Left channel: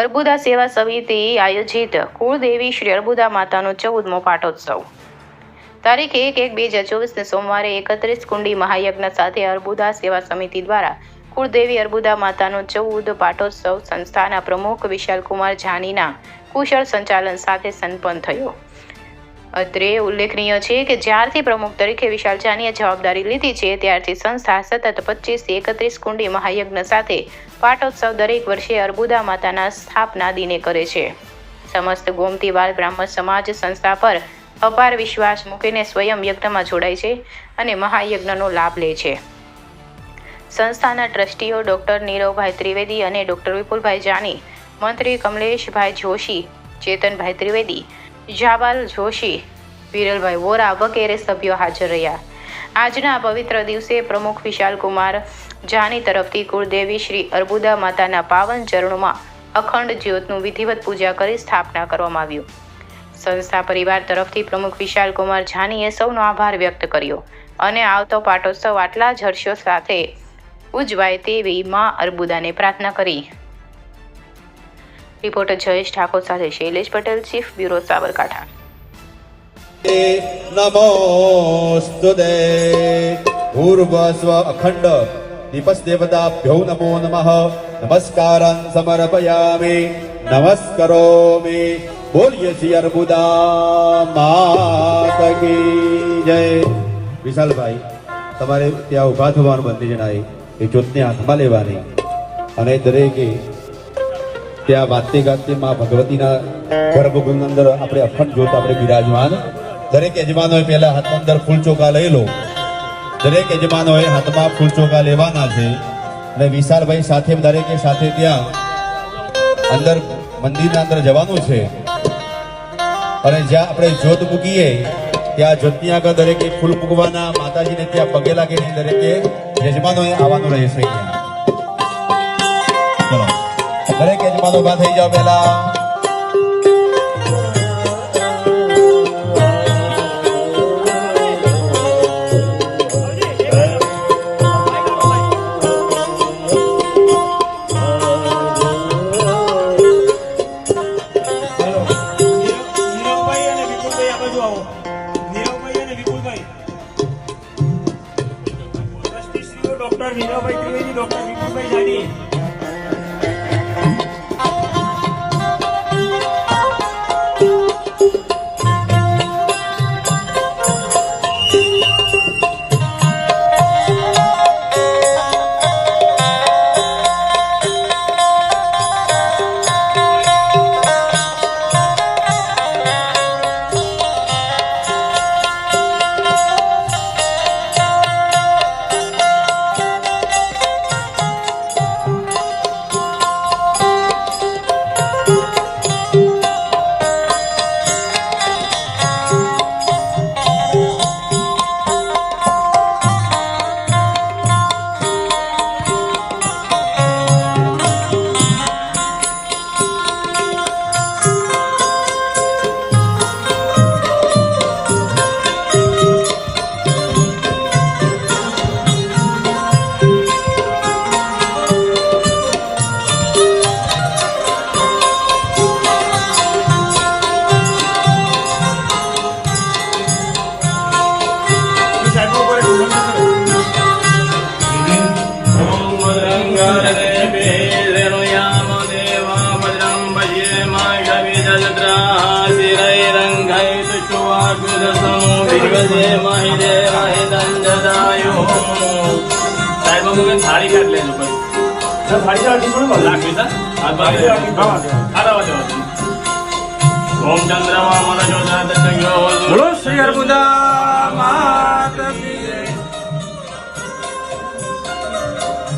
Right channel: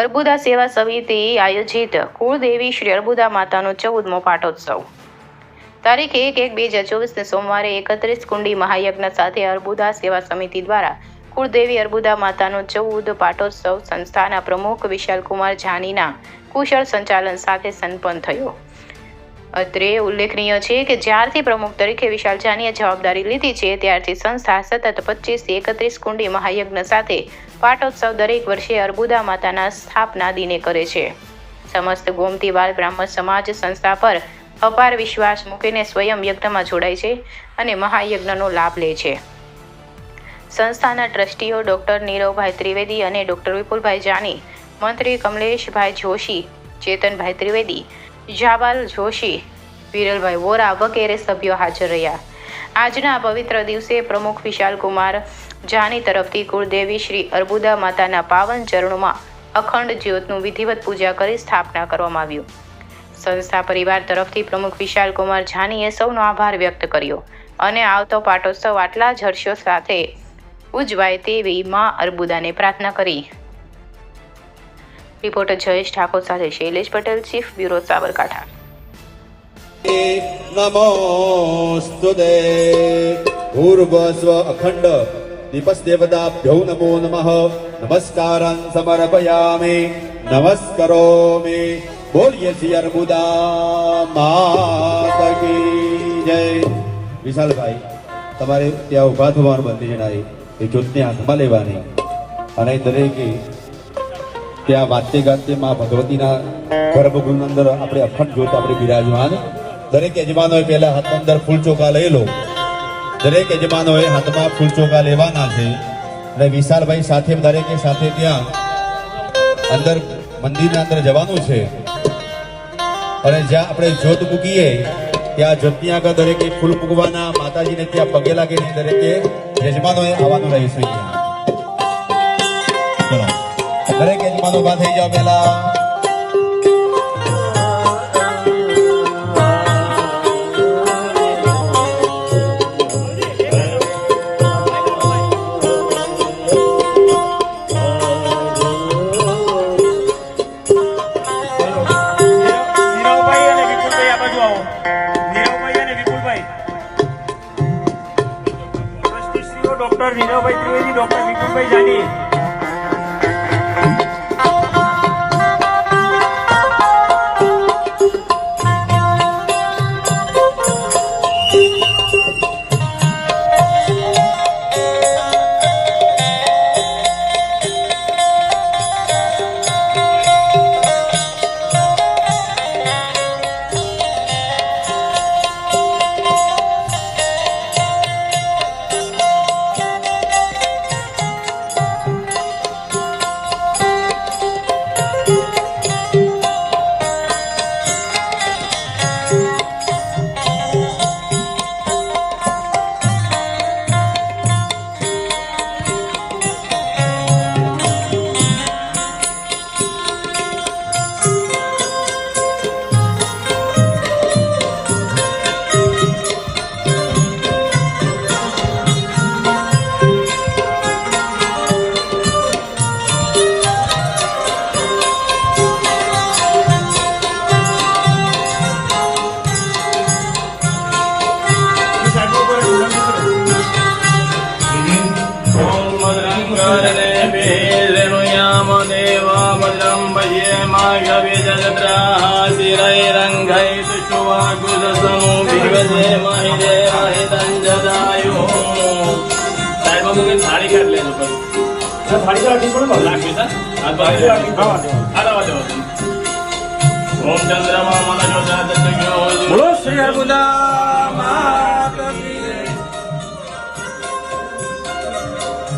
અર્બુદા સેવા સમિતિ આયોજિત કુળદેવી શ્રી અર્બુદા માતાનો 14મો પાટોત્સવ તારીખ 1/1/2024 સોમવારે 31 કુંડી મહાયજ્ઞ સાથે અર્બુદા સેવા સમિતિ દ્વારા કુળદેવી અર્બુદા માતાનો 14 પાટોત્સવ સંસ્થાના પ્રમુખ વિશાલકુમાર જાનીના કુશળ સંચાલન સાથે સંપન્ન થયો. અત્રે ઉલ્લેખનીય છે કે જ્યારથી પ્રમુખ તરીકે વિશાલ જાનીએ જવાબદારી લીધી છે ત્યારથી સંસ્થા સતત 25 થી 31 કુંડી મહાયજ્ઞ સાથે પાટોત્સવ દરેક વર્ષે અર્બુદા માતાના સ્થાપના દિને કરે છે. સમસ્ત ગોમતીવાલ બ્રાહ્મણ સમાજ સંસ્થા પર અપાર વિશ્વાસ મૂકીને સ્વયં યજ્ઞમાં જોડાય છે અને મહાયજ્ઞનો લાભ લે છે. સંસ્થાના ટ્રસ્ટીઓ ડોક્ટર નીરવભાઈ ત્રિવેદી અને ડોક્ટર વિપુલભાઈ જાની, મંત્રી કમલેશભાઈ જોશી, ચેતનભાઈ ત્રિવેદી, જાબાલ જોશી, વિરલભાઈ વોરા વગેરે સભ્યો હાજર રહ્યા. આજના પવિત્ર દિવસે પ્રમુખ વિશાલકુમાર જાની તરફથી કુળદેવી શ્રી અર્બુદા માતાના પાવન ચરણોમાં અખંડ જ્યોતનું વિધિવત પૂજા કરી સ્થાપના કરવામાં આવ્યું. સંસ્થા પરિવાર તરફથી પ્રમુખ વિશાલકુમાર જાનીએ સૌનો આભાર વ્યક્ત કર્યો અને આવતો પાટોત્સવ આટલા જ હર્ષો સાથે ઉજવાય તેવી માં અર્બુદાને પ્રાર્થના કરી. રિપોર્ટર જયેશ ઠાકોર સાથે શૈલેષ પટેલ, ચીફ બ્યુરો, સાબરકાંઠા. નમોસ્તુતે પૂર્વસ્વ અખંડ દીપસ દેવતાભ્યો નમો નમઃ. નમસ્કારં સમર્પયામિ નમસ્કરોમિ. બોલીએ શ્રી અર્બુદા માતા કી જય. વિશાલભાઈ, તમારે ત્યાં ઉભા થવાનું બંધી જણાય એ જ્યોતને હાથમાં લેવાની અને દરેકે ત્યાં વાતતી ગાતી માં ભગવતીના ગર્ભગૃહ અંદર આપણે અખંડ જ્યોત આપણે બિરાજમાન. દરેક યજમાનોએ પહેલા હાથ અંદર ફૂલ ચોખા લઈ લો. દરેક યજમાનોએ હાથમાં ફૂલ ચોખા લેવાના છે અને વિશાલભાઈ સાથે દરેકે સાથે ત્યાં અંદર મંદિરના અંદર જવાનું છે અને જ્યાં આપણે જ્યોત મૂકીએ ત્યાં જ્યોતની આગળ દરેકે ફૂલ મૂકવાના. માતાજીને ત્યાં પગે લાગે દરેકે યજમાનોએ આવવાનું રહેશે. ચલો દરેક યજમાનો ઉભા થઈ જાઓ. પેલા ડોક્ટર નીરવભાઈ ત્રિવેદી, ડોક્ટર વિપુલભાઈ જાની. થાળી કાઢ લેજો થાળી કાઢી પણ લાગી ઓમ ચંદ્રમા મનજો જાતજ્ઞો બોલો શ્રી અર્બુદા માતા કી જય.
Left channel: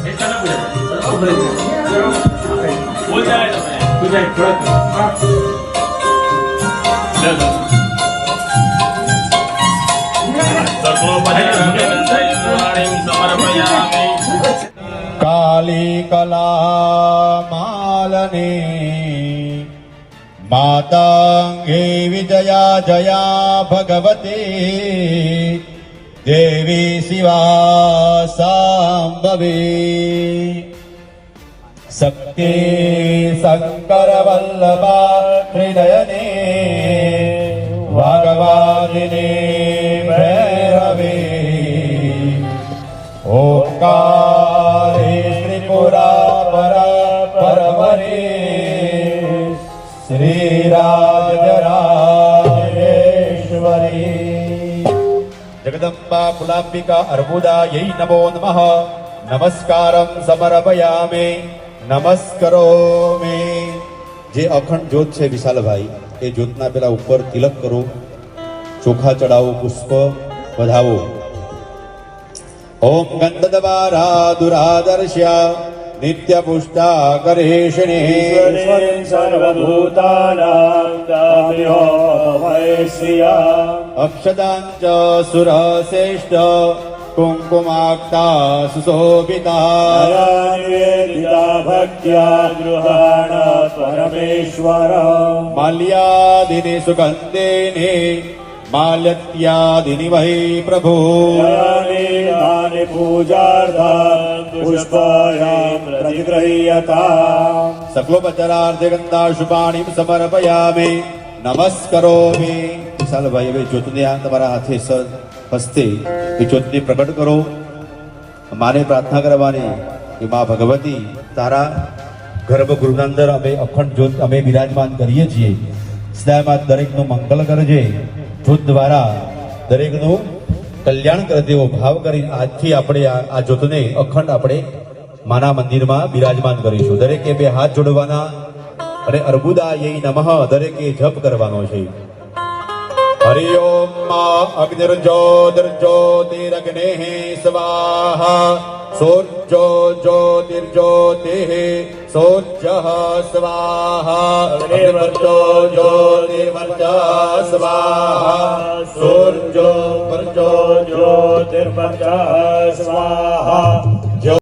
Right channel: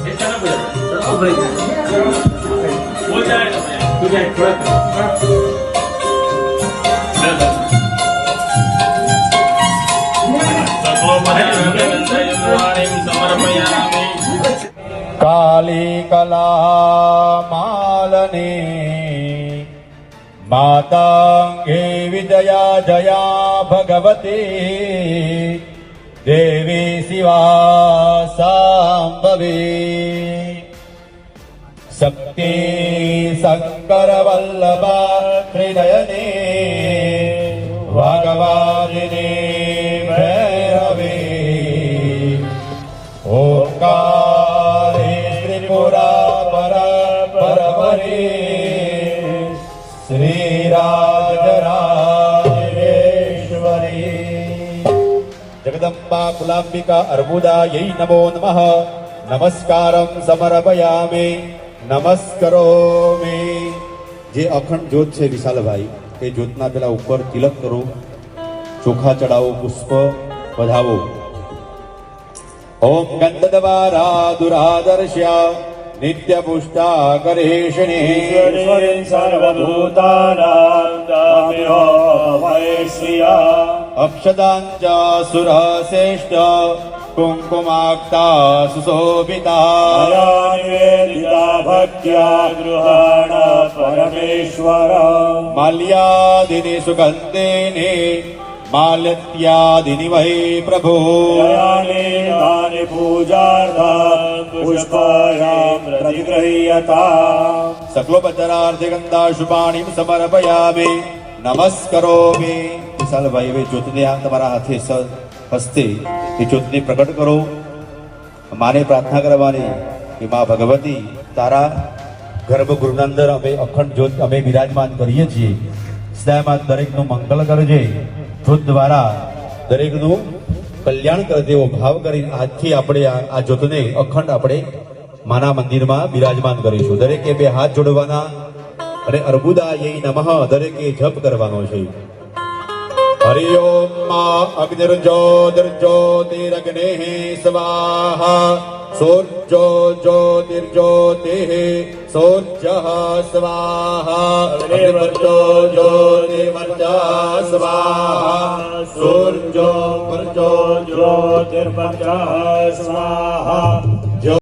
એ ચાલો બોલ જાય પૂજા કાલી કલા માલની માતાંગે વિજયા જયા ભગવતી દેવી શિવા સાંભવી. शक्ति शंकर वल्लभा त्रिनयने भगवादिने भैरवे ओंकारे त्रिपुरा पर परमरे श्रीराजराजेश्वरी जगदम्बा कुलाम्बिका अर्बुदायै नमो नमः नमस्कारं समर्पयामि नमस्करोमि। જે અખંડ જ્યોત છે વિશાલભાઈ, એ જ્યોતના પેલા ઉપર તિલક કરો, ચોખા ચડાવો, પુષ્પ વધાવો. ઓમ ગંધદ્વારા દુરાદર્શ્યા નિત્ય પુષ્ટા ગરેષિણી સર્વભૂતાનાં ગામ્યો મહેશ્રિયા અક્ષતાંચ સુરશ્રેષ્ઠ कुङ्कुमाक्ता सुशोभिता ભક્ત્યા ગૃહાણ પરમેશ્વર માલ્યાદિને સુગંધિને માલ્યત્યાદિની વહે પ્રભો પૂજાર્થા પુષ્પાયામ પ્રતિગૃહ્યતા સકલોપચરાર્થે ગંધાશુપાણીમ સમર્પયામિ નમસ્કરોમિ। વિશાલભાઈ, હવે જ્યોતને આ તમારા હાથે હસ્તે એ જ્યોતને પ્રગટ કરો। માને પ્રાર્થના કરવાની કે મા ભગવતી તારા ગર્ભગૃહના અંદર અમે અખંડ જ્યોત અમે બિરાજમાન કરીએ છીએ, સદાયમાં દરેકનું મંગળ કરજે, જ્યોત દ્વારા દરેકનું કલ્યાણ કરે તેવો ભાવ કરી આજથી આપણે આ જ્યોતને અખંડ આપણે માના મંદિરમાં બિરાજમાન કરીશું। દરેકે બે હાથ જોડવાના અને અર્બુદાય નમઃ દરેકે જપ કરવાનો છે। हरि ओम अग्निर्ज्योतिर्ज्योतिरग्नेः स्वाहा सूर्यो ज्योतिर्ज्योतिः सूर्यः स्वाहा अग्निर्वर्चो ज्योतिर्वर्चः स्वाहा सूर्यो वर्चो ज्योतिर्वर्चः स्वाहा